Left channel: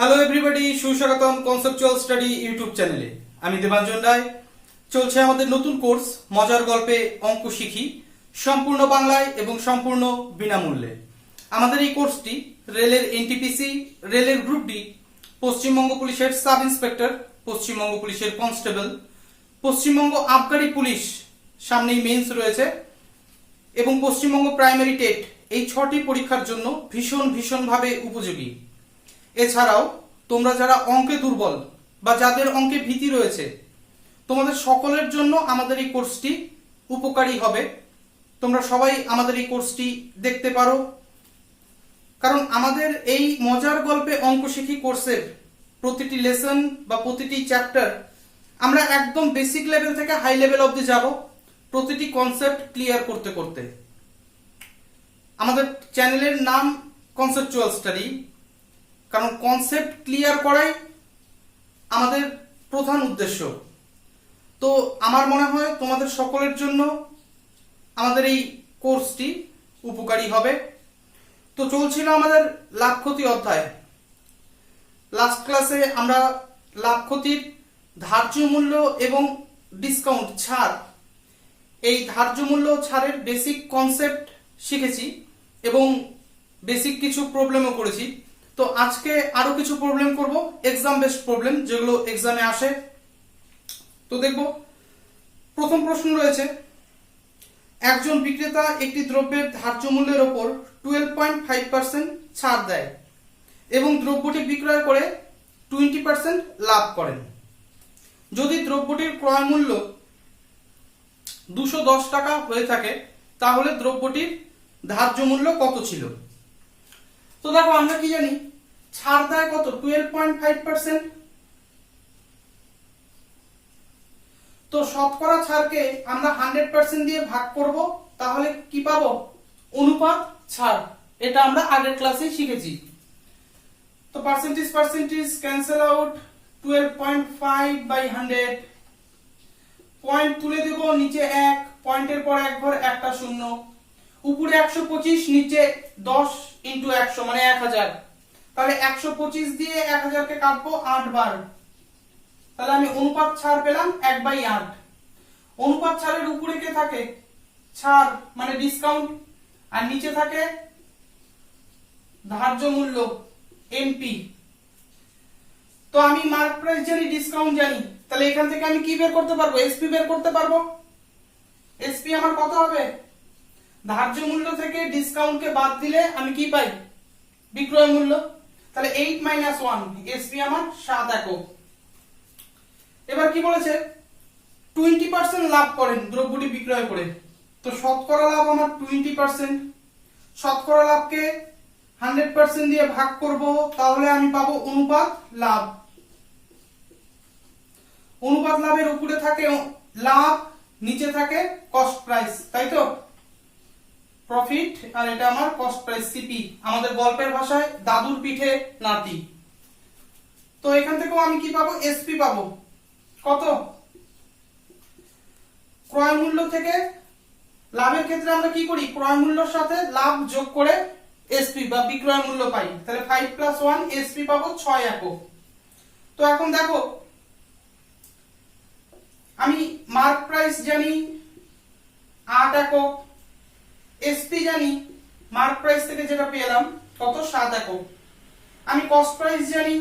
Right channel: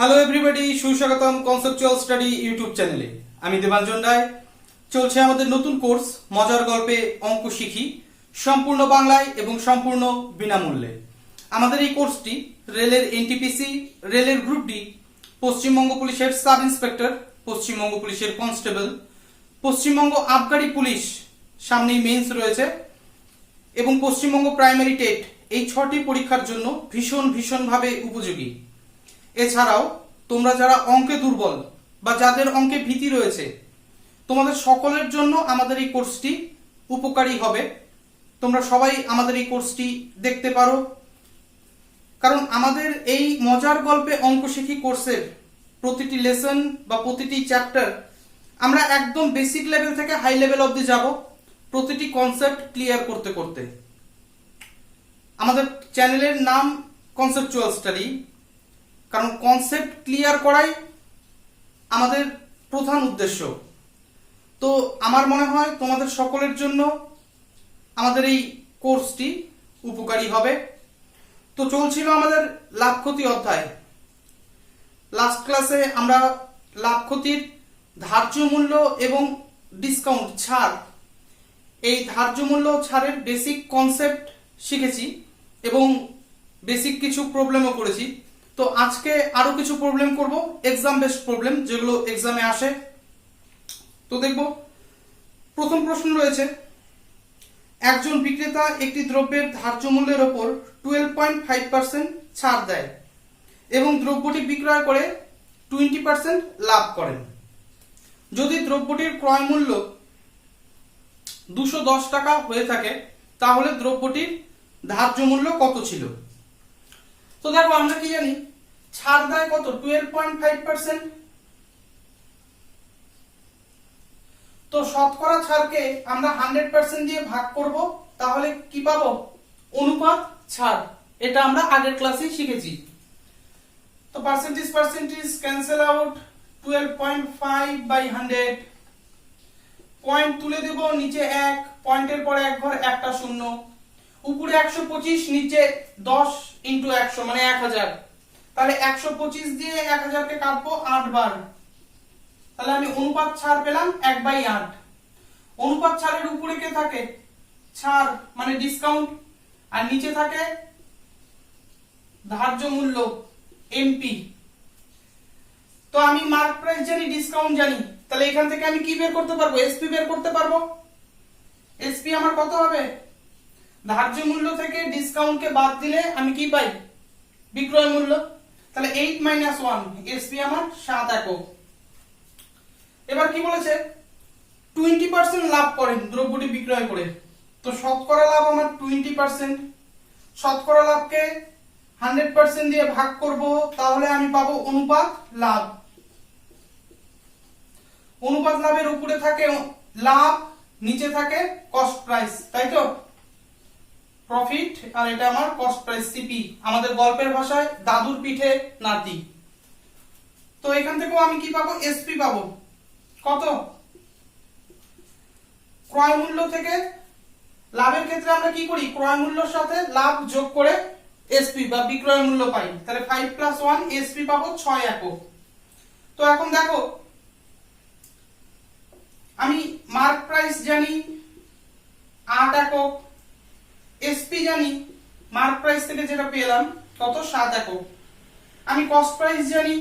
Hello everybody, সুস্বাগতম conceptual study YouTube চ্যানেলে। আমি দেবাঞ্জন রায়। চলছে আমাদের নতুন কোর্স মজার গল্পে অঙ্ক শিখি, সম্পূর্ণ বাংলায় এবং সম্পূর্ণ বিনামূল্যে। আমাদের এই কোর্সটি রেলের এনটিপিসি, রেলের গ্রুপ ডি, পশ্চিমবঙ্গ পুলিশের সাব ইন্সপেক্টর, পশ্চিমবঙ্গ পুলিশের কনস্টেবল, পশ্চিমবঙ্গ আবগারি পুলিশ, সামনেই মেন্স রয়েছে, এবং পশ্চিমবঙ্গ প্রাইমারি টেট, এই 6টি পরীক্ষার জন্য ভীষণভাবে উপযোগী। এছাড়াও তোমরা যারা অঙ্কে দুর্বল বা যাদের অঙ্কে ভীতি রয়েছে, তোমাদের সকলের জন্য আমাদের এই কোর্সটি উপকারী হবে। তোমরা সবাই আমাদের এই কোর্সটি দেখতে পারো, কারণ আমাদের এই মজার গল্পে অঙ্ক শিখি কোর্সের প্রতিটি লেসন বা প্রতিটি চ্যাপ্টার আমরা একদম বেসিক লেভেল থেকে হাই লেভেল অবধি যাব, প্রতিটি কনসেপ্ট ক্লিয়ার করতে করতে। আমাদের চ্যানেলের নাম কনসেপচুয়াল স্টাডি, কারণ কনসেপ্ট ক্লিয়ার করাই আমাদের প্রধান উদ্দেশ্য। তো আমার মনে হয় তোমাদের সকলের জন্য আমাদের এই কোর্সটি উপকারী হবে। তো চলছিল আমাদের লাভ ক্ষতি অধ্যায়। লাস্ট ক্লাসে আমরা লাভ ক্ষতির ধার্য মূল্য এবং ডিসকাউন্ট ছাড়, এই ধার্য মূল্য ছাড়ের বেসিক কনসেপ্ট শিখেছি এবং বেসিক কিছু প্রবলেমও করেছি। তো আজকে আরো কিছু প্রবলেম করব, এক্সাম বেসড প্রবলেম, যেগুলো এক্সামে আসে। তো দেখব, প্রথম প্রশ্ন রয়েছে, একজন বিক্রেতা একটি দ্রব্যের ধার্য মূল্যের ওপর 12.5% ছাড় দেয় এবং দ্রব্যটি বিক্রয় করে 20% লাভ করেন। যদি দ্রব্যটির ক্রয় মূল্য 210 টাকা হয়ে থাকে, তাহলে দ্রব্যটির ধার্য মূল্য কত ছিল? তো দেখো, আমরা কি জানি, ছাড় দেয় কত? 12.5%। তো শতকরা ছাড়কে আমরা 100% দিয়ে ভাগ করব, তাহলে কি পাবো? অনুপাত ছাড়। এটা আমরা আগের ক্লাসেই শিখেছি। তো পার্সেন্টেজ ক্যান্সেল আউট, 12.5/100। পয়েন্ট তুলে দেব, নিচে 1, পয়েন্টের পর 1 ঘর, একটা শূন্য, উপরে 125, নিচে 10 × 100 মানে 1000। তাহলে 125 দিয়ে 1000 কে কাটবো 8 বার, তাহলে আমি অনুপাত ছাড় পেলাম 1/8। অনুপাত ছাড়ের উপরে কে থাকে? ছাড় মানে ডিসকাউন্ট, আর নিচে থাকে ধার্য মূল্য এমপি। তো আমি মার্ক প্রাইস জানি, ডিসকাউন্ট জানি, তাহলে এখান থেকে আমি কি বের করতে পারবো? এসপি বের করতে পারবো। এসপি আমার কত হবে? ধার্য মূল্য থেকে ডিসকাউন্টকে বাদ দিলে আমি কি পাই? বিক্রয় মূল্য। তাহলে 8 - 1, এসপি আমার 7 একক। এবার কি বলেছে? 20% লাভ করেন দ্রব্যটি বিক্রয় করে। তো শতকরা লাভ আমার 20%। শতকরা লাভকে 100% দিয়ে ভাগ করব, তাহলে আমি পাবো অনুপাত লাভ। অনুপাত লাভের উপরে থাকে লাভ, নিচে থাকে কস্ট প্রাইস, তাই তো? প্রফিট, আর এটা আমার কস্ট প্রাইস সিপি, আমাদের গল্পের ভাষায় দাদুর পিঠে নাতি। তো এখান থেকেও আমি কি পাবো? এসপি পাবো। কত? ক্রয় মূল্য থেকে লাভের ক্ষেত্রে আমরা কি করি? ক্রয় মূল্যের সাথে লাভ যোগ করে এসপি বা বিক্রয় মূল্য পাই। তাহলে 5 + 1, এসপি পাবো 6 একক। তো এখন দেখো, আমি মার্ক প্রাইস জানি 8 একক, এসপি জানি মার্ক প্রাইস থেকে যেটা পেলাম কত? 7 একক। আমি কস্ট প্রাইস জানি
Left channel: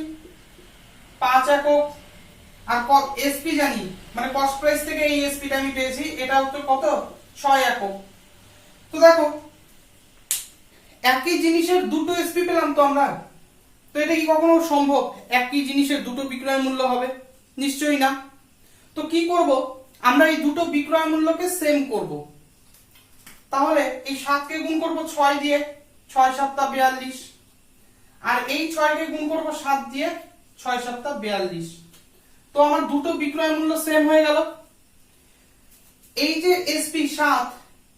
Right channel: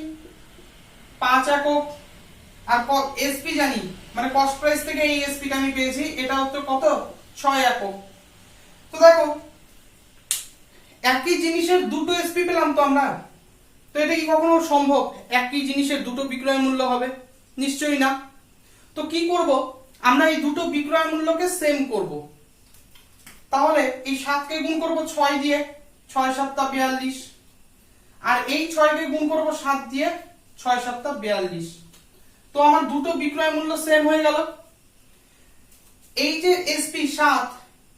5 একক, আর এসপি জানি, মানে কস্ট প্রাইস থেকে এই এসপিটা আমি পেয়েছি, এটা হচ্ছে কত? 6 একক। তো দেখো, একই জিনিসের দুটো এসপি পেলাম তো আমরা। তো এটা কি কখনো সম্ভব একই জিনিসের দুটো বিক্রয় মূল্য হবে? নিশ্চয়ই না। তো কি করব? আমরা এই দুটো বিক্রয় মূল্যকে সেম করব। তাহলে এই 7 কে গুণ করব 6 দিয়ে, 6 × 7 = 42, আর এই 6 কে গুণ করব 7 দিয়ে, 6 × 7 = 42। তো আমার দুটো বিক্রয় মূল্য সেম হয়ে গেল। এই যে এসপি 7,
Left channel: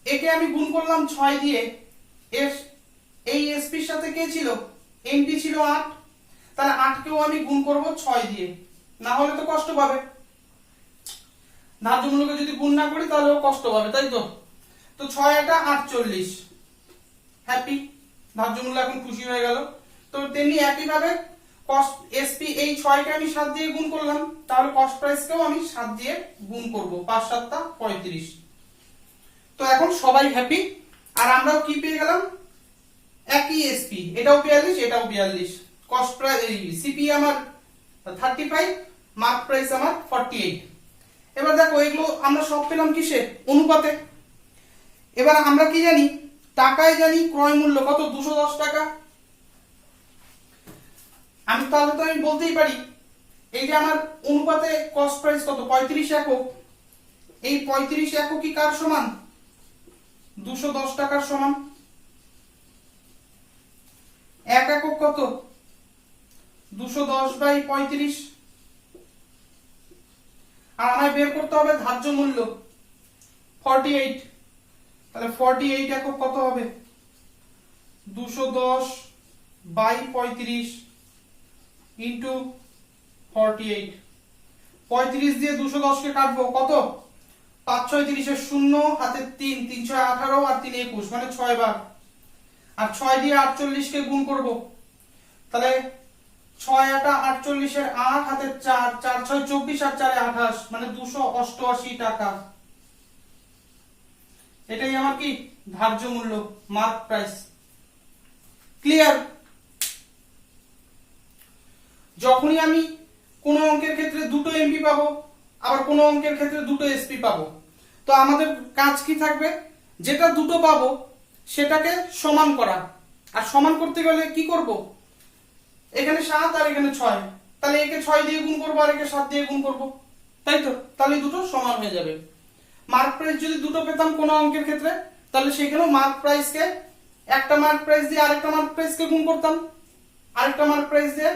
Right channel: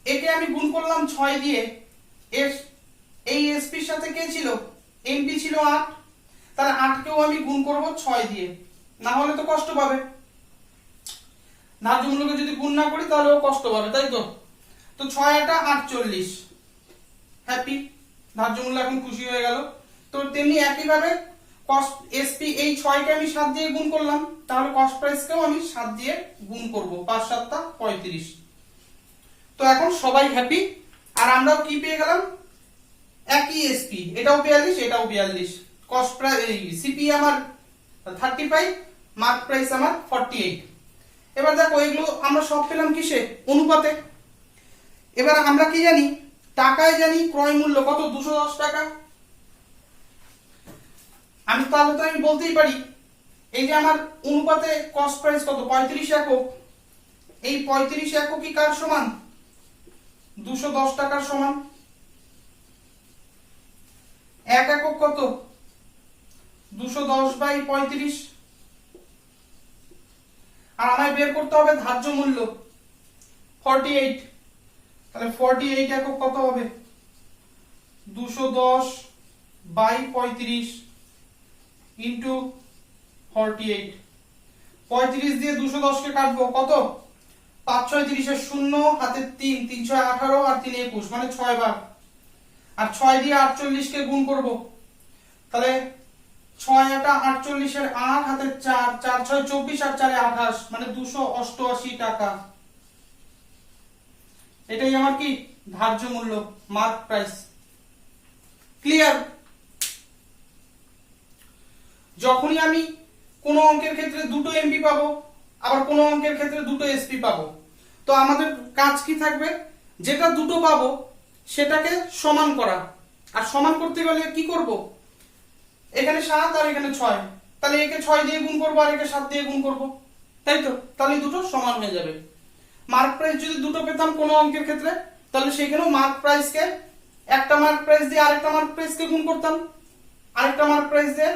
একে আমি গুণ করলাম 6 দিয়ে, এই এসপির সাথে কে ছিল? এমপি ছিল 8, তাহলে 8 কেও আমি গুণ করব 6 দিয়ে, না হলে তো কষ্ট পাবে। ধার্য মূল্যকে যদি গুণ না করি তাহলে ও কষ্ট পাবে, তাই তো? তো 6 × 8 = 48, হ্যাপি, ধার্য মূল্য এখন খুশি হয়ে গেল। তো তেমনি একই ভাবে কস্ট এসপি এই 6 কে আমি 7 দিয়ে গুণ করলাম, তাহলে কস্ট প্রাইসকেও আমি 7 দিয়ে গুণ করব, 5 7 টা 35। তো এখন সবাই হ্যাপি। আর আমরাও কি পেয়ে গেলাম, একই এসপি, এটাও 42 এটাও 42, কস্ট প্রাইস সিপি আমার 35, মার্ক প্রাইস আমার 48। এবার দেখো এগুলো আমরা সব পেলাম কিসে, অনুপাতে। এবার আমরা কি জানি, টাকায় জানি ক্রয় মূল্য কত, 210 টাকা। আমি তাহলে তো আমি বলতেই পারি এই যে আমার অনুপাতে কস্ট প্রাইস কত, 35 একক। এই 35 একক কি কার সমান, 210 টাকার সমান। 1 একক কত, 210 বাই 35। আর আমায় বের করতে হবে ধার্য মূল্য 48, তাহলে 48 একক কত হবে, 210 বাই 35 ইন্টু 48। 35 দিয়ে 210 কে কাটবো, কত, 5 6 30 শূন্য, হাতে 3, 3 6 18 আর 3 21, মানে 6 বার। আর 6 দিয়ে 48 কে গুণ করব, তাহলে 6 এটা 48 এর 8, হাতে 4, 4 6 24 আর 4 28, মানে 288 টাকা। এটাই আমার কি ধার্য মূল্য, মার্ক প্রাইস। ক্লিয়ার? যখনই আমি কোন অঙ্কের ক্ষেত্রে দুটো এমপি পাবো, আবার কোন অঙ্কের ক্ষেত্রে দুটো এসপি পাবো, তো আমাদের কাজ কি থাকবে, যেটা দুটো পাবো সেটাকে সমান করা। আর সমান করতে গেলে কি করব, এখানে 7 আর এখানে 6, তাহলে একে 6 দিয়ে গুণ করবো আর একে 7 দিয়ে গুণ করবো, তাই তো? তাহলে দুটো সমান হয়ে যাবে। মার্ক প্রাইস যদি দুটো পেতাম কোন অঙ্কের ক্ষেত্রে, তাহলে সেখানেও মার্ক প্রাইসকে, একটা মার্ক প্রাইস দিয়ে আরেকটা মার্ক প্রাইসকে গুণ করতাম, আরেকটা মার্ক প্রাইস দিয়ে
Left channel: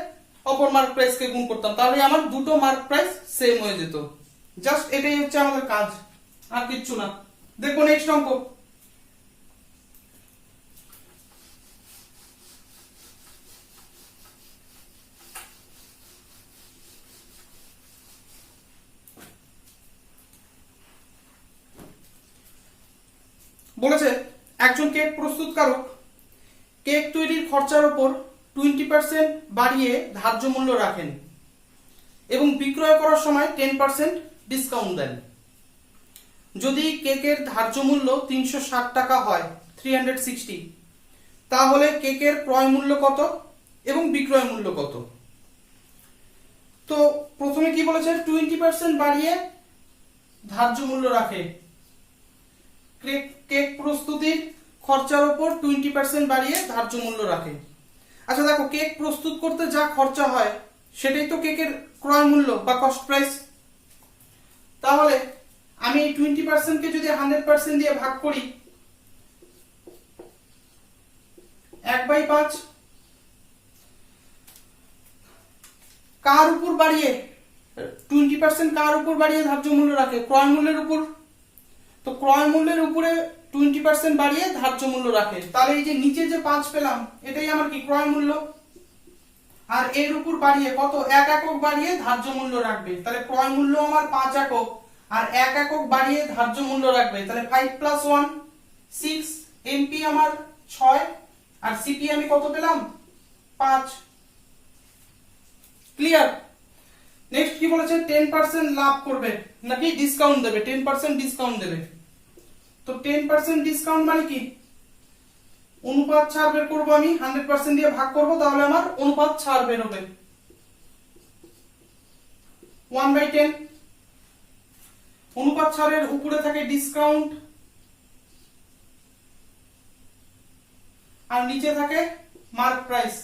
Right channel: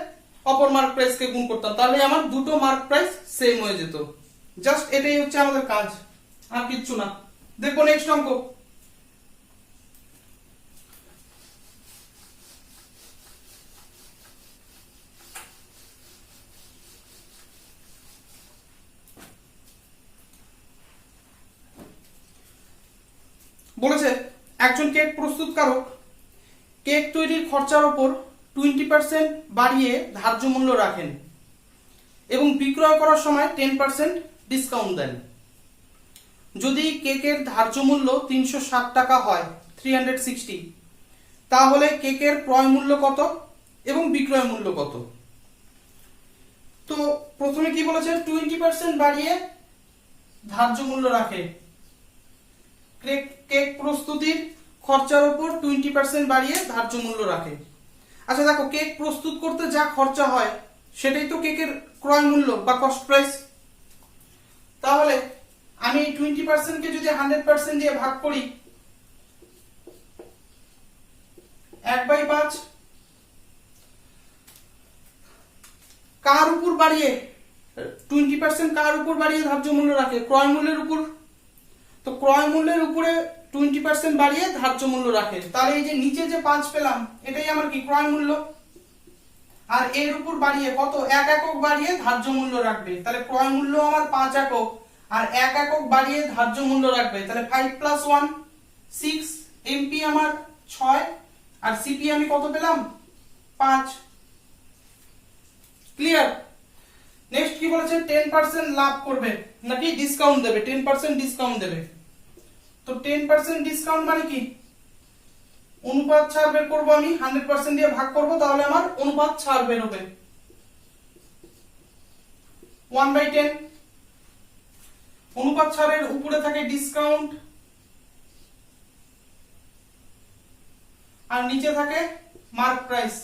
অপর মার্ক প্রাইসকে গুণ করতাম, তাহলে আমার দুটো মার্ক প্রাইস সেম হয়ে যেত। জাস্ট এটাই হচ্ছে আমাদের কাজ, আর কিচ্ছু না। দেখো নেক্সট অঙ্ক। বলেছে একজন কেক প্রস্তুতকারক কেক তৈরির খরচার উপর 20% বাড়িয়ে ধার্য মূল্য রাখেন এবং বিক্রয় করার সময় 10% ডিসকাউন্ট দেন। যদি কেকের ধার্য মূল্য 360 টাকা হয়, 360, তাহলে কেকের ক্রয় মূল্য কত এবং বিক্রয় মূল্য কত? তো প্রথমে কি বলেছে, 20% বাড়িয়ে ধার্য মূল্য রাখে। কেক প্রস্তুতির খরচার উপর 20% বাড়িয়ে ধার্য মূল্য রাখে। আচ্ছা দেখো, কেক প্রস্তুত করতে যা খরচা হয় সেটাই তো কেকের ক্রয় মূল্য বা কস্ট প্রাইস। তাহলে আমি এই 20% কে যদি 100% দিয়ে ভাগ করি, 1/5 কার উপর বাড়িয়ে, 20% কার উপর বাড়িয়ে ধার্য মূল্য রাখে, ক্রয় মূল্যের উপর। তো ক্রয় মূল্যের উপরে 20% বাড়িয়ে ধার্য মূল্য রাখে, তাহলে এই যে নিচে যে 5 পেলাম এটাই আমার কি ক্রয় মূল্য। আর এর উপর বাড়িয়ে কত, 1 একক বাড়িয়ে ধার্য মূল্য রাখবে, তাহলে ক্রয় মূল্য আমার 5 একক, আর 1 একক বাড়িয়ে ধার্য মূল্য রাখবে, তাহলে 5 + 1 6, এমপি আমার 6, আর সিপি আমি কত পেলাম, 5। ক্লিয়ার? নেক্সট কি বলেছে, 10% লাভ করবে নাকি ডিসকাউন্ট দেবে, 10% ডিসকাউন্ট দেবে। তো 10% ডিসকাউন্ট মানে কি, অনুপাত ছাড় বের করবো আমি, 100% দিয়ে ভাগ করব, তাহলে আমার অনুপাত ছাড় বের হবে, 1/10। অনুপাত ছাড়ের উপরে থাকে ডিসকাউন্ট আর নিচে থাকে মার্ক প্রাইস।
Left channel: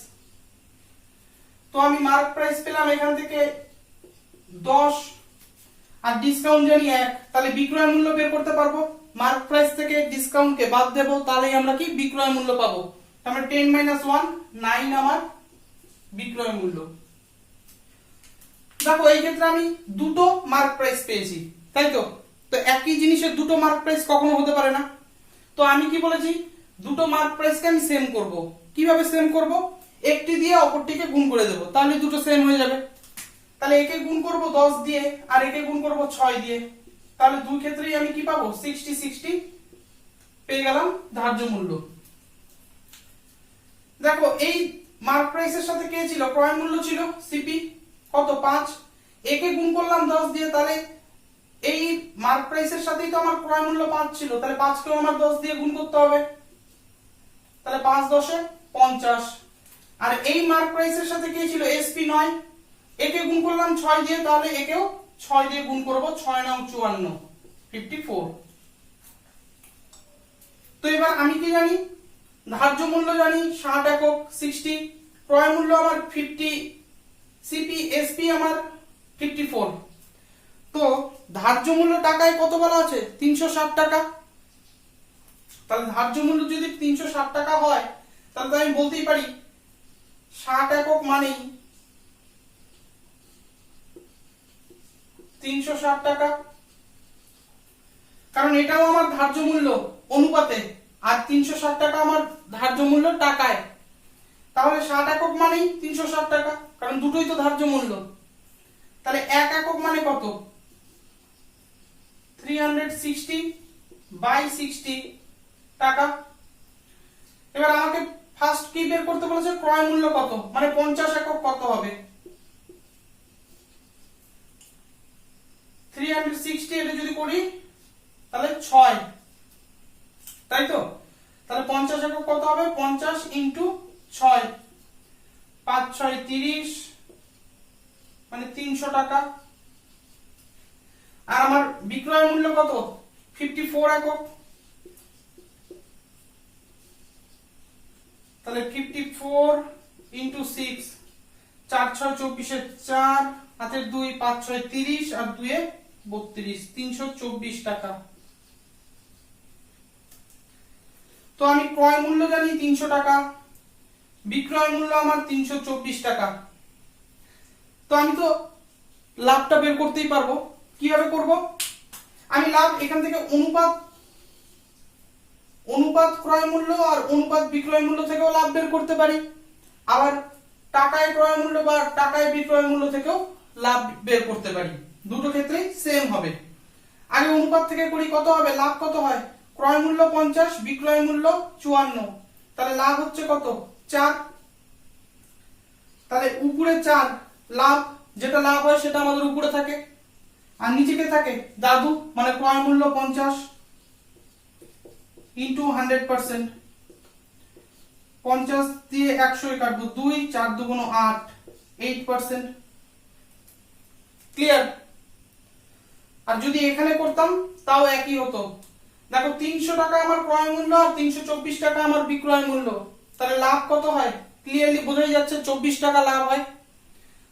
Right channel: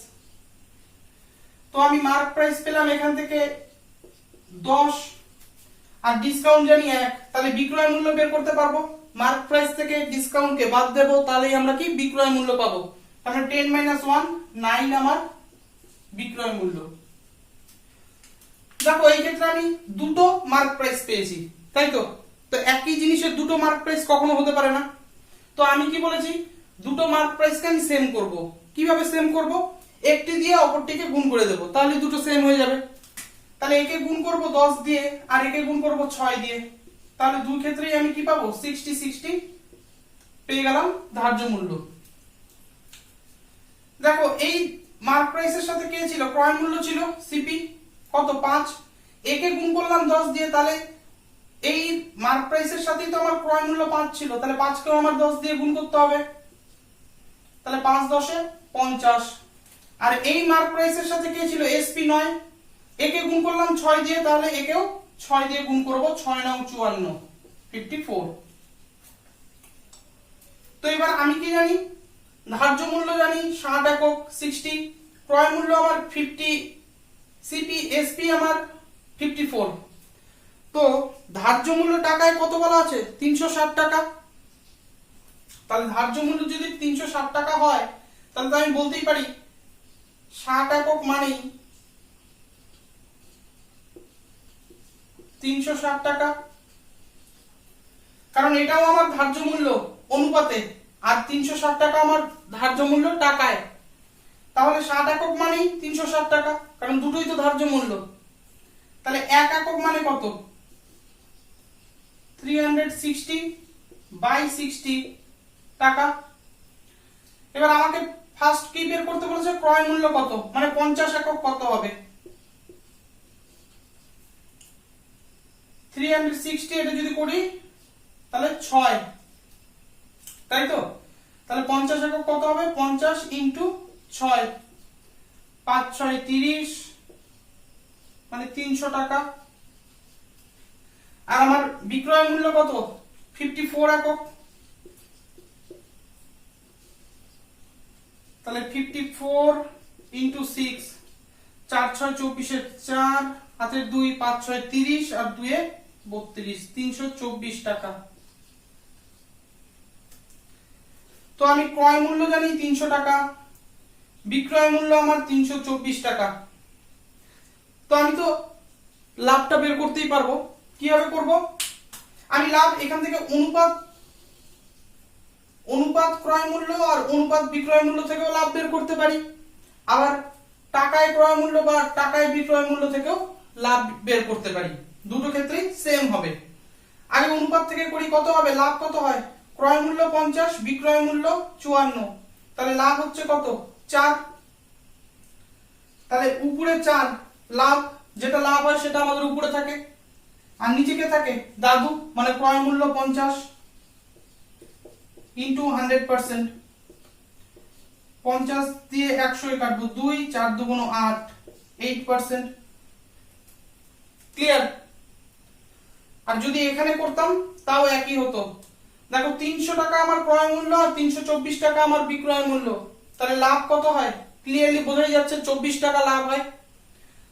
তো আমি মার্ক প্রাইস পেলাম এখান থেকে 10 আর ডিসকাউন্ট জানি 1, তাহলে বিক্রয় মূল্য বের করতে পারবো। মার্ক প্রাইস থেকে ডিসকাউন্টকে বাদ দেব, তাহলেই আমরা কি বিক্রয় মূল্য পাবো। তাহলে 10 - 1 9 আমার বিক্রয় মূল্য। দেখো এই ক্ষেত্রে আমি দুটো মার্ক প্রাইস পেয়েছি, তাই তো? তো একই জিনিসের দুটো মার্ক প্রাইস কখনো হতে পারে না। তো আমি কি বলেছি, দুটো মার্ক প্রাইসকে আমি সেম করব। কিভাবে সেম করব, একটি দিয়ে অপরটিকে গুণ করে দেব, তাহলে দুটো সেম হয়ে যাবে। তাহলে একে গুণ করব 10 দিয়ে আর একে গুণ করব 6 দিয়ে, তাহলে দুই ক্ষেত্রেই আমি কি পাবো, 60 60 পেয়ে গেলাম ধার্য মূল্য। দেখো এই মার্ক প্রাইসের সাথে কে ছিল, ক্রয় মূল্য ছিল সিপি কত 5, একে গুণ করলাম 10 দিয়ে, তাহলে এই মার্ক প্রাইসের সাথেই তো আমার ক্রয় মূল্য 5 ছিল, তাহলে 5 কেও আমার 10 দিয়ে গুণ করতে হবে, তাহলে 5 10 50। আর এই মার্ক প্রাইসের সাথে কে ছিল এসপি 9, একে গুণ করলাম 6 দিয়ে, তাহলে একেও 6 দিয়ে গুণ করব, 6 9 54 54। তো এবার আমি কি জানি, ধার্য মূল্য জানি 60 একক 60, ক্রয় মূল্য আমার 50, সিপি এসপি আমার 54। তো ধার্য মূল্য টাকায় কত বলা আছে 360 টাকা, তাহলে ধার্য মূল্য যদি 360 টাকা হয়, তাহলে তো আমি বলতেই পারি 60 একক মানেই 360 টাকা, কারণ এটাও আমার ধার্য মূল্য অনুপাতে, আর 360 টাকা আমার ধার্য মূল্য টাকায়, তাহলে 60 একক মানেই 360 টাকা, কারণ দুটোই তো ধার্য মূল্য। তাহলে 1 একক মানে কত 360/60 টাকা। এবার আমাকে ফার্স্ট কি বের করতে বলেছে, ক্রয় মূল্য কত, মানে 50 একক কত হবে, 360 এটা যদি করি তাহলে 6, তাই তো, তাহলে 50 একক কত হবে 50 ইন্টু 6, 5 6 30, মানে 300 টাকা। আর আমার বিক্রয় মূল্য কত 54 একক, তাহলে 54 ইন্টু 6, 4 6 24 4, হাতের 2, 5 6 30, আর 2 32, 324 টাকা। তো আমি ক্রয় মূল্য জানি 300 টাকা, বিক্রয় মূল্য আমার 324 টাকা, তো আমি তো লাভটা বের করতেই পারবো। কিভাবে করব, আমি লাভ এখান থেকে অনুপাত ক্রয় মূল্য আর অনুপাত বিক্রয় মূল্য থেকেও লাভ বের করতে পারি, আবার টাকায় ক্রয় মূল্য বা টাকায় বিক্রয় মূল্য থেকেও লাভ বের করতে পারি, দুটো ক্ষেত্রেই সেম হবে। আগে অনুপাত থেকে করি, কত হবে লাভ কত হয়, ক্রয় মূল্য 50 বিক্রয় মূল্য 54, তাহলে লাভ হচ্ছে কত 4, তাহলে উপরে 4 লাভ, যেটা লাভ হয় সেটা আমাদের উপরে থাকে, আর নিচে কে থাকে দাদু, মানে ক্রয় মূল্য 50 ইন্টু 100%, 50 দিয়ে 100 কাটবো 2, 4 2 8, 8%, ক্লিয়ার। আর যদি এখানে করতাম তাও একই হতো, দেখো 300 টাকা আমার ক্রয় মূল্য আর 324 টাকা আমার বিক্রয় মূল্য, তাহলে লাভ কত হয় ক্লিয়ারলি বোঝাই যাচ্ছে 24 টাকা লাভ হয়।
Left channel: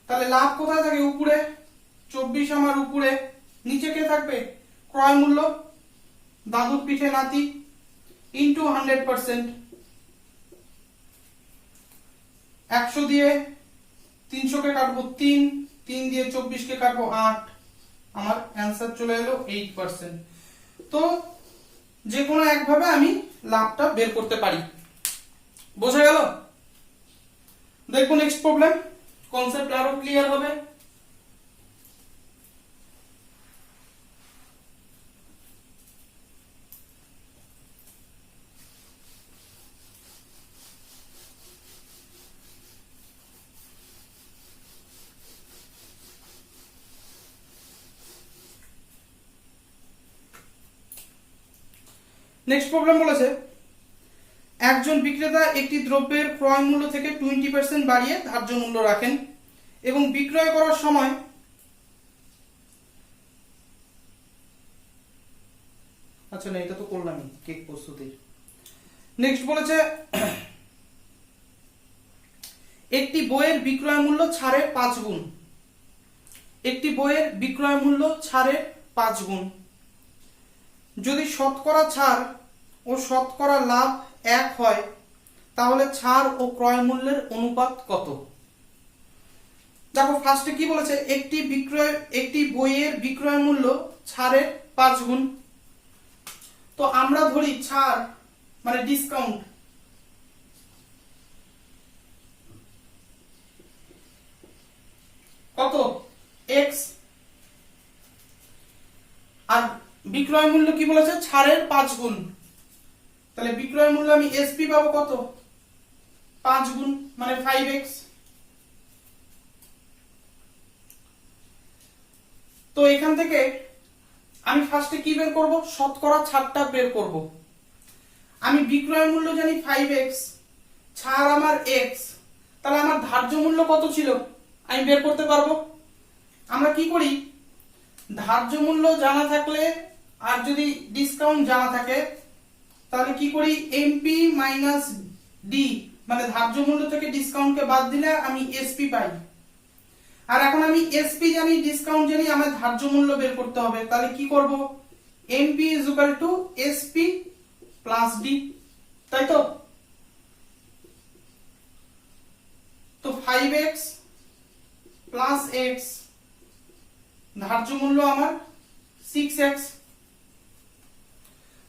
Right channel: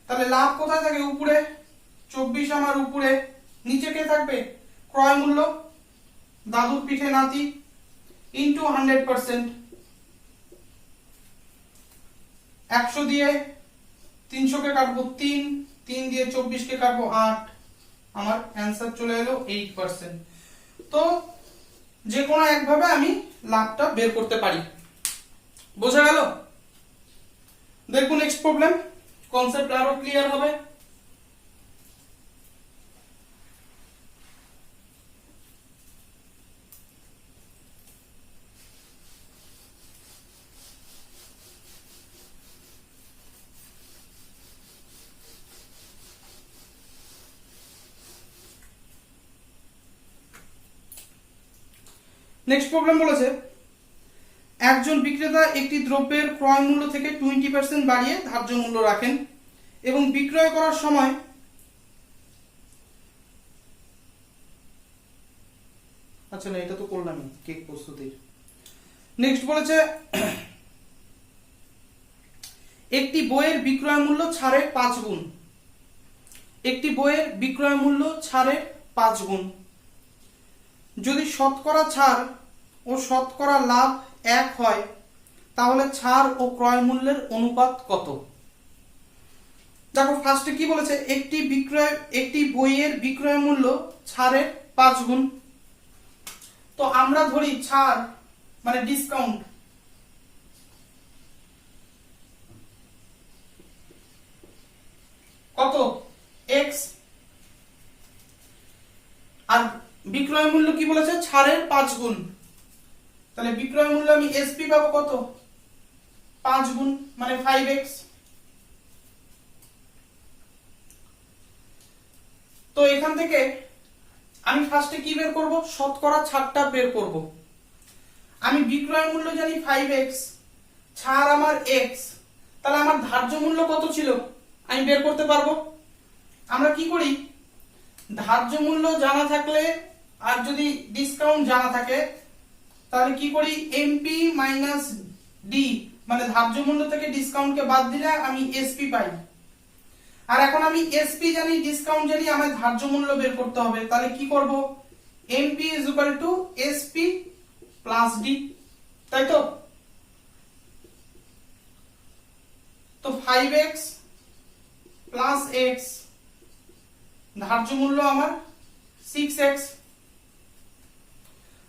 তাহলে লাভ কোথায় থাকে উপরে, 24 আমার উপরে, নিচে কে থাকবে ক্রয় মূল্য, দাদুর পিঠে নাতি, ইন্টু 100%, 100 দিয়ে 300 কে কাটবো 3, 3 দিয়ে 24 কে কাটবো 8, আমার অ্যান্সার চলে এলো 8%। তো যে কোনো একভাবে আমি লাভটা বের করতে পারি, বোঝা গেল। দেখো নেক্সট প্রবলেম, কনসেপ্ট আরো ক্লিয়ার হবে। নেক্সট প্রবলেম বলেছে, একজন বিক্রেতা একটি দ্রব্যের ক্রয় মূল্য থেকে 20% বাড়িয়ে ধার্য মূল্য রাখেন এবং বিক্রয় করার সময় আচ্ছা না এটা তো করলামই কেক প্রস্তুতির। নেক্সট বলেছে একটি বইয়ের বিক্রয় মূল্য ছাড়ের 5 গুণ, একটি বইয়ের বিক্রয় মূল্য ছাড়ের 5 গুণ, যদি শতকরা ছাড় ও শতকরা লাভ 1 হয় তাহলে ছাড় ও ক্রয় মূল্যের অনুপাত কত। দেখো ফার্স্টে কি বলেছে, একটি বইয়ের বিক্রয় মূল্য ছাড়ের 5 গুণ, তো আমরা ধরি ছাড় মানে ডিসকাউন্ট, কত x, আর বিক্রয় মূল্য কি বলেছে ছাড়ের 5 গুণ, তাহলে বিক্রয় মূল্য আমি এসপি পাবো কত 5 গুণ মানে 5x। তো এখান থেকে আমি ফার্স্টে কি বের করব, শতকরা ছাড়টা বের করব। আমি বিক্রয় মূল্য জানি 5x, ছাড় আমার x, তাহলে আমার ধার্য মূল্য কত ছিল আমি বের করতে পারবো। আমরা কি করি, ধার্য মূল্য জানা থাকলে আর যদি ডিসকাউন্ট জানা থাকে তাহলে কি করি, এমপি মাইনাস ডি মানে ধার্য মূল্য থেকে ডিসকাউন্টকে বাদ দিলে আমি এসপি পাই। আর এখন আমি এসপি জানি, ডিসকাউন্ট জানি, আমার ধার্য মূল্য বের করতে হবে। তাহলে কি করব, MP is equal to SP plus D, তাই তো। তো 5x প্লাস x, ধার্য মূল্য আমার 6x,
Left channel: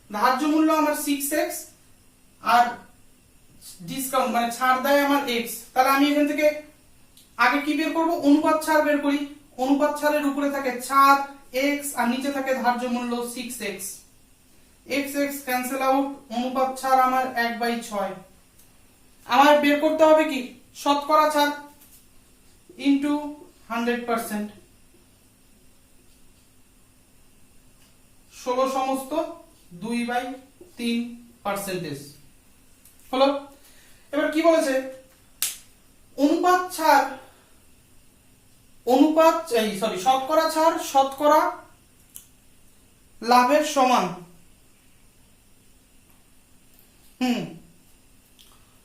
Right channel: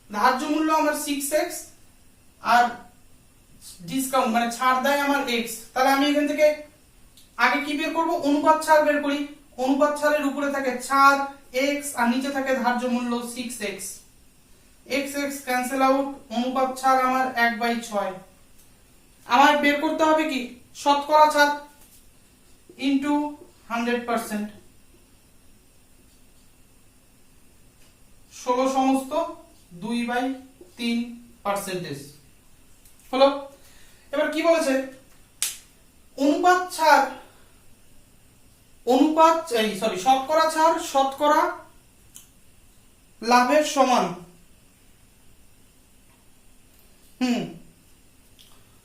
ধার্য মূল্য আমার 6x আর ডিসকাউন্ট মানে ছাড় দেয় আমার x। তাহলে আমি এখান থেকে আগে কি বের করব, অনুপাত ছাড় বের করি। অনুপাত ছাড়ের উপরে থাকে ছাড় x আর নিচে থাকে ধার্য মূল্য 6x, x x cancel out, অনুপাত ছাড় আমার 1/6। আমার বের করতে হবে কি, শতকরা ছাড় ইনটু 100%, 16 সমস্ত 2/3% হলো। এবার কি বলেছে, অনুপাত ছাড় শতকরা ছাড় শতকরা লাভের সমান।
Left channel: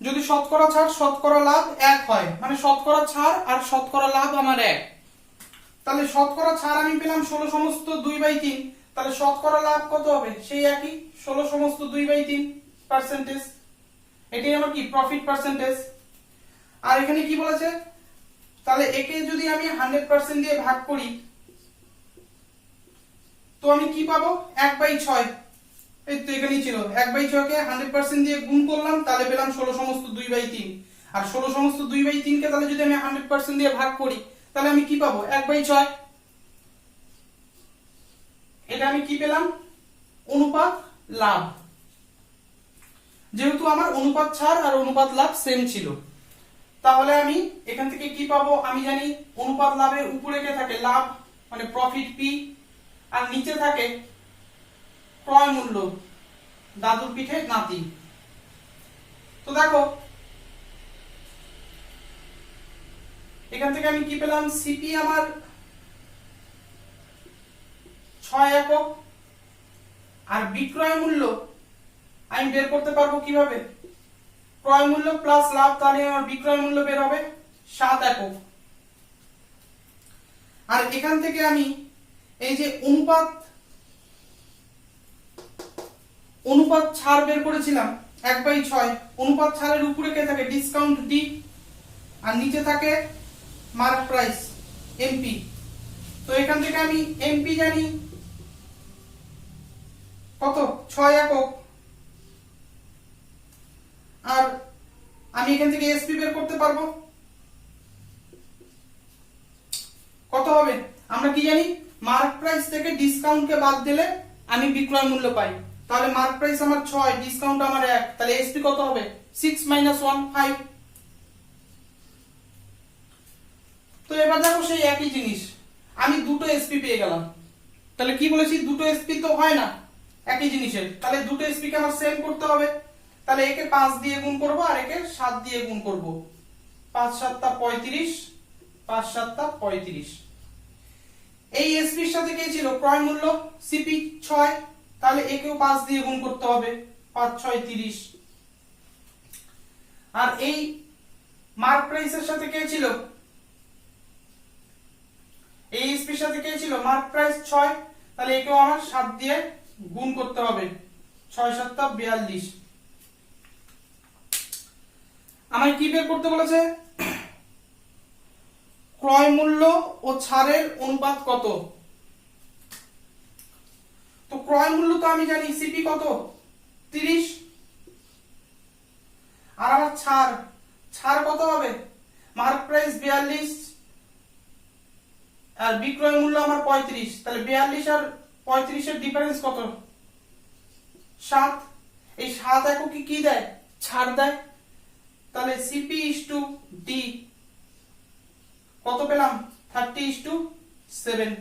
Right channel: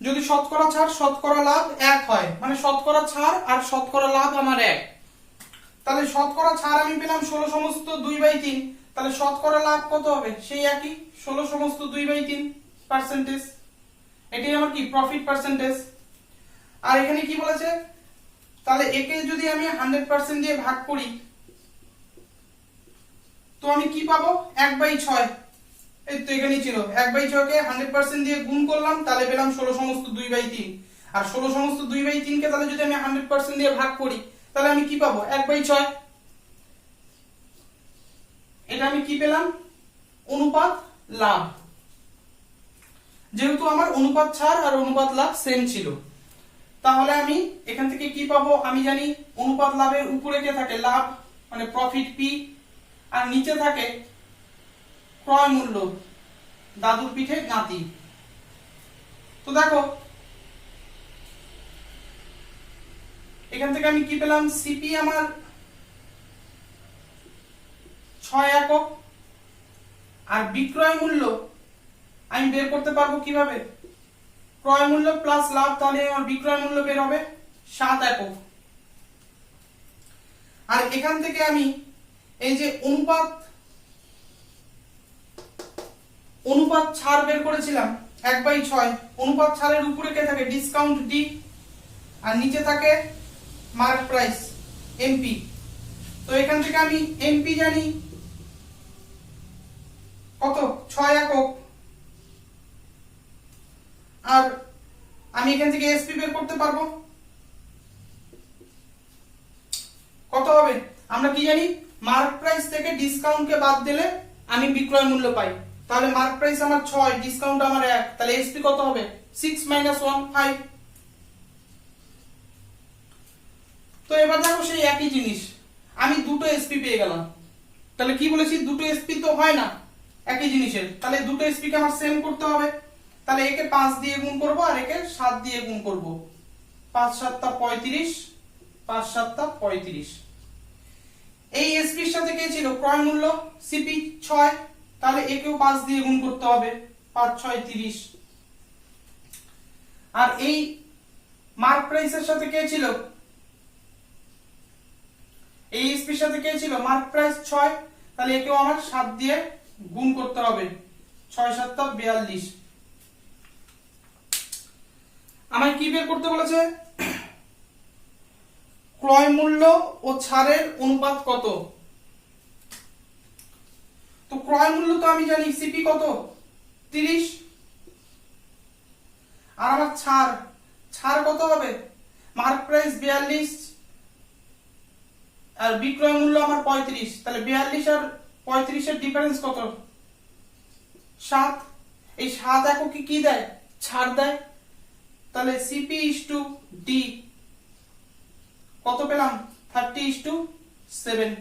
যদি শতকরা ছাড় শতকরা লাভ 1 হয়, মানে শতকরা ছাড় আর শতকরা লাভ আমার 1, তাহলে শতকরা ছাড় আমি পেলাম 16 সমস্ত 2/3, তাহলে শতকরা লাভ কত হবে, সেই একই 16 সমস্ত 2/3%। এটাই আমার কি প্রফিট পার্সেন্টেজ। আর এখানে কি বলেছে, তাহলে একে যদি আমি 100% দিয়ে ভাগ করি তো আমি কি পাবো, 1/6। এই তো এখানেই ছিল, 1/6 কে 100% দিয়ে গুণ করলাম, তাহলে পেলাম 16 সমস্ত 2/3। আর 16 সমস্ত 2/3 কে তাহলে যদি আমি 100% দিয়ে ভাগ করি তাহলে আমি কি পাবো, 1/6। এটা আমি কি পেলাম, অনুপাত লাভ। যেহেতু আমার অনুপাত ছাড় আর অনুপাত লাভ সেম ছিল, তাহলে আমি এখান থেকে কি পাবো, আমি জানি অনুপাত লাভের উপরে কে থাকে লাভ মানে প্রফিট পি, আর নিচে থাকে ক্রয় মূল্য, দাদুর পিঠে নাতি। তো দেখো এখান থেকে আমি কি পেলাম, সিপি আমার 6 একক, আর বিক্রয় মূল্য আমি বের করতে পারবো কিভাবে, ক্রয় মূল্য প্লাস লাভ, তাহলে আমার বিক্রয় মূল্য বের হবে 7 একক। আর এখান থেকে আমি এই যে অনুপাত ছাড় বের করেছিলাম 1/6, অনুপাত ছাড়ের উপরে কে থাকে, ডিসকাউন্ট ডি, আর নিচে থাকে মার্ক প্রাইস এমপি। তো এখান থেকে আমি এমপি জানি কত, 6 একক, আর আমি এখান থেকে এসপি বের করতে পারবো কত হবে। আমরা কি জানি, মার্ক প্রাইস থেকে ডিসকাউন্টকে বাদ দিলে আমি বিক্রয় মূল্য পাই। তাহলে মার্ক প্রাইস আমার 6, ডিসকাউন্ট আমার 1, তাহলে এসপি কত হবে, 6 - 1 5। তো এবার দেখো সেই একই জিনিস, আমি দুটো এসপি পেয়ে গেলাম। তাহলে কি বলেছি, দুটো এসপি তো হয় না একই জিনিসের, তাহলে দুটো এসপি কে আমার সেম করতে হবে। তাহলে একে 5 দিয়ে গুণ করব আর একে 7 দিয়ে গুণ করব, 5 × 7 = 35, 5 × 7 = 35। এই এসপি এর সাথে কে ছিল, ক্রয় মূল্য সিপি 6, তাহলে একেও 5 দিয়ে গুণ করতে হবে, 5 × 6 = 30। আর এই মার্ক প্রাইস এর সাথে কে ছিল, এই এসপি এর সাথে কে ছিল, মার্ক প্রাইস 6, তাহলে একেও আমার 7 দিয়ে গুণ করতে হবে, 6 × 7 = 42। আমায় কি বের করতে বলেছে, ক্রয় মূল্য ও ছাড়ের অনুপাত কত। তো ক্রয় মূল্য তো আমি জানি সিপি কত, 30, আর আমার ছাড় কত হবে, মার্ক প্রাইস 42 আর বিক্রয় মূল্য আমার 35, তাহলে 42 আর 35 এর ডিফারেন্স কত, 7। এই 7 একক কি দেয়, ছাড় দেয়। তাহলে CP/D কত পেলাম 30:7।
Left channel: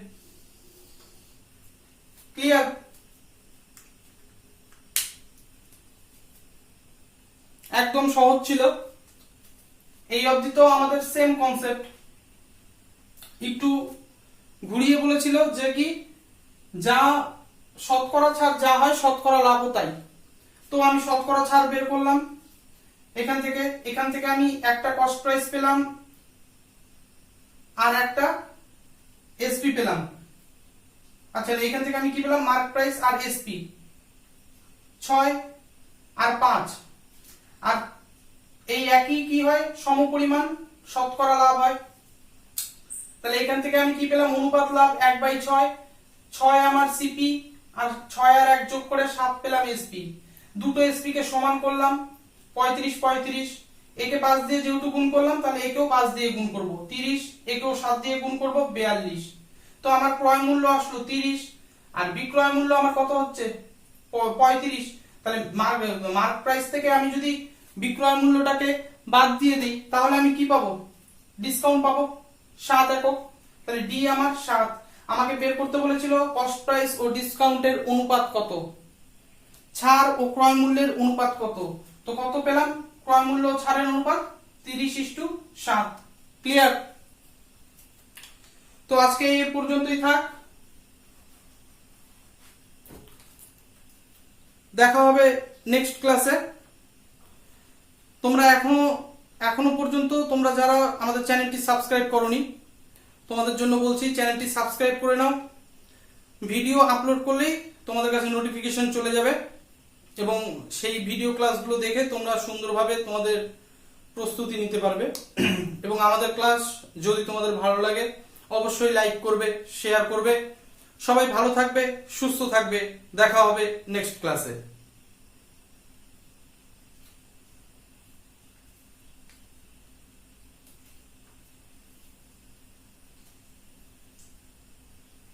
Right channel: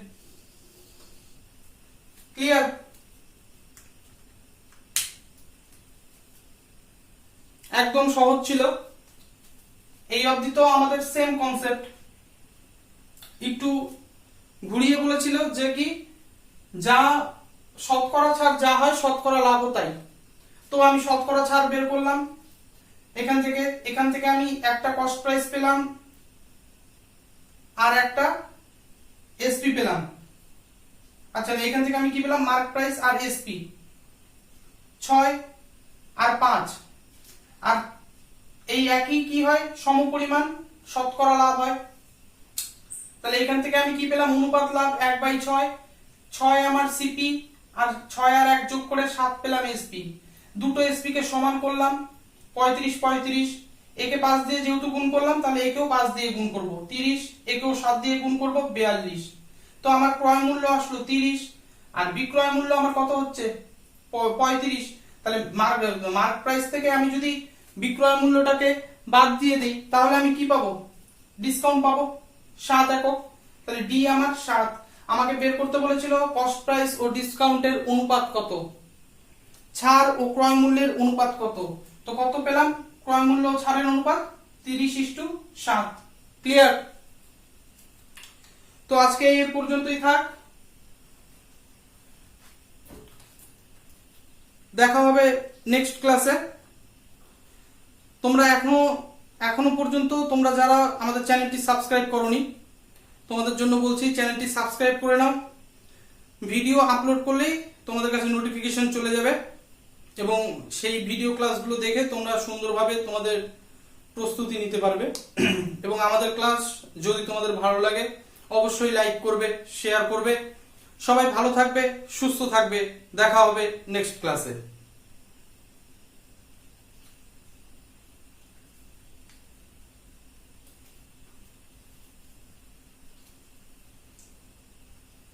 ক্লিয়ার? একদম সহজ ছিল। এই অবধি তো আমাদের সেম কনসেপ্ট। একটু ঘুরিয়ে বলেছিল যে কি যা শতকরা ছাড় যা হয় শতকরা লাভও তাই। তো আমি শতকরা ছাড় বের করলাম এখান থেকে আমি একটা কস্ট প্রাইস পেলাম আর একটা এসপি পেলাম। আচ্ছা এখান থেকে আমি কি পেলাম মার্ক প্রাইস আর এসপি 6 আর 5 আর এই একই কি হয় সমপরিমাণ শতকরা লাভ হয়। তাহলে এখান থেকে আমি কি পেলাম অনুপাত লাভ 1/6। 6 আমার সিপি আর 6 আর 1 যোগ করে 7 পেলাম এসপি। দুটো এসপি কে সমান করলাম 35 একে 5 দিয়ে যেহেতু গুণ করলাম তাহলে একেও 5 দিয়ে গুণ করব 30, একেও 7 দিয়ে গুণ করব 42। তো আমার ক্রয় মূল্য আসলো 30 আর বিক্রয় মূল্য আমার কত হচ্ছে 35। তাহলে মার্ক প্রাইস থেকে আমি যদি বিক্রয় মূল্যটাকে বাদ দিয়ে দিই তাহলে আমি কি পাবো ডিসকাউন্ট পাবো 7 একক। তাহলে ডি আমার 7। আমাকে বের করতে বলেছিল কস্ট প্রাইস ও ডিসকাউন্টের অনুপাত কত, ছাড় ও ক্রয় মূল্যের অনুপাত কত। তো কত পেলাম ক্রয় মূল্য ও ছাড়ের অনুপাত 30:7। ক্লিয়ার? তো আজকে এই পর্যন্তই থাক। দেখা হবে নেক্সট ক্লাসে। তোমরা এখনো পর্যন্ত তোমরা যারা আমাদের চ্যানেলটি সাবস্ক্রাইব করোনি তোমাদের জন্য বলছি চ্যানেলটি সাবস্ক্রাইব করে নাও। ভিডিও আপলোড করলেই তোমাদের কাছে নোটিফিকেশন চলে যাবে এবং সেই ভিডিও ক্লাসগুলো দেখে তোমরা সুন্দরভাবে তোমাদের প্রস্তুতি নিতে পারবে। এবং আমাদের ক্লাস যদি তোমাদের ভালো লাগে অবশ্যই লাইক করবে, শেয়ার করবে। সবাই ভালো থাকবে, সুস্থ থাকবে। দেখা হবে নেক্সট ক্লাসে।